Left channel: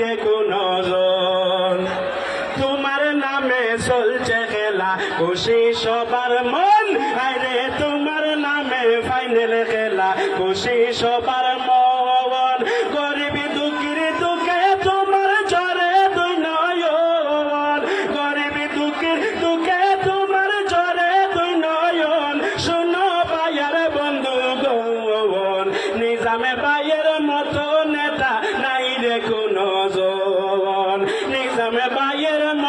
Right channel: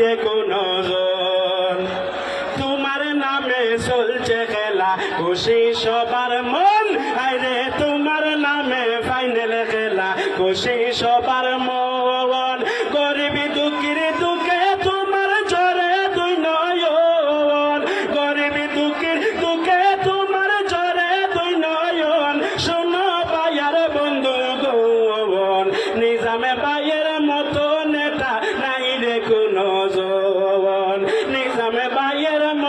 রেখো নজর তোমার নামে চলছে খেলা, খুশি সবার মন। আরে তোমার নামে ফাইনাল খেলা, খুশি সবার মন। গরিবি দুঃখীর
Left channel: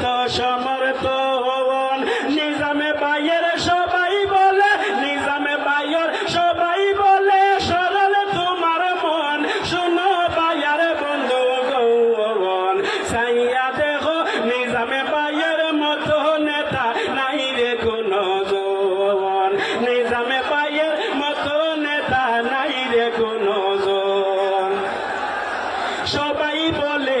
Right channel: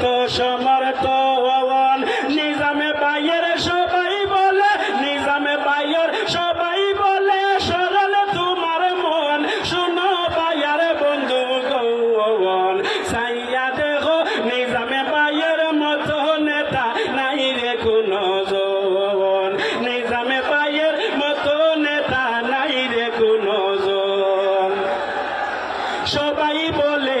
বাইয়ের কত সমর্থন নিজামে বাইয়ের সবাই বলে নিজামে বাইয়ের মতো নেতা নাই রে কোনো জোন নিজামে বাইয়ের মতো নেতা নাই রে কোনো জন সবাই বলে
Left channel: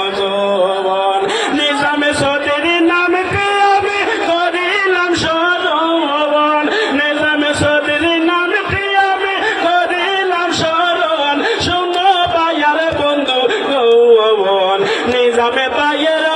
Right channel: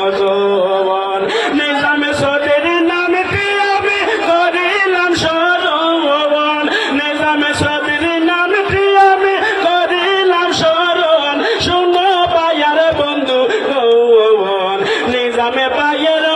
me va a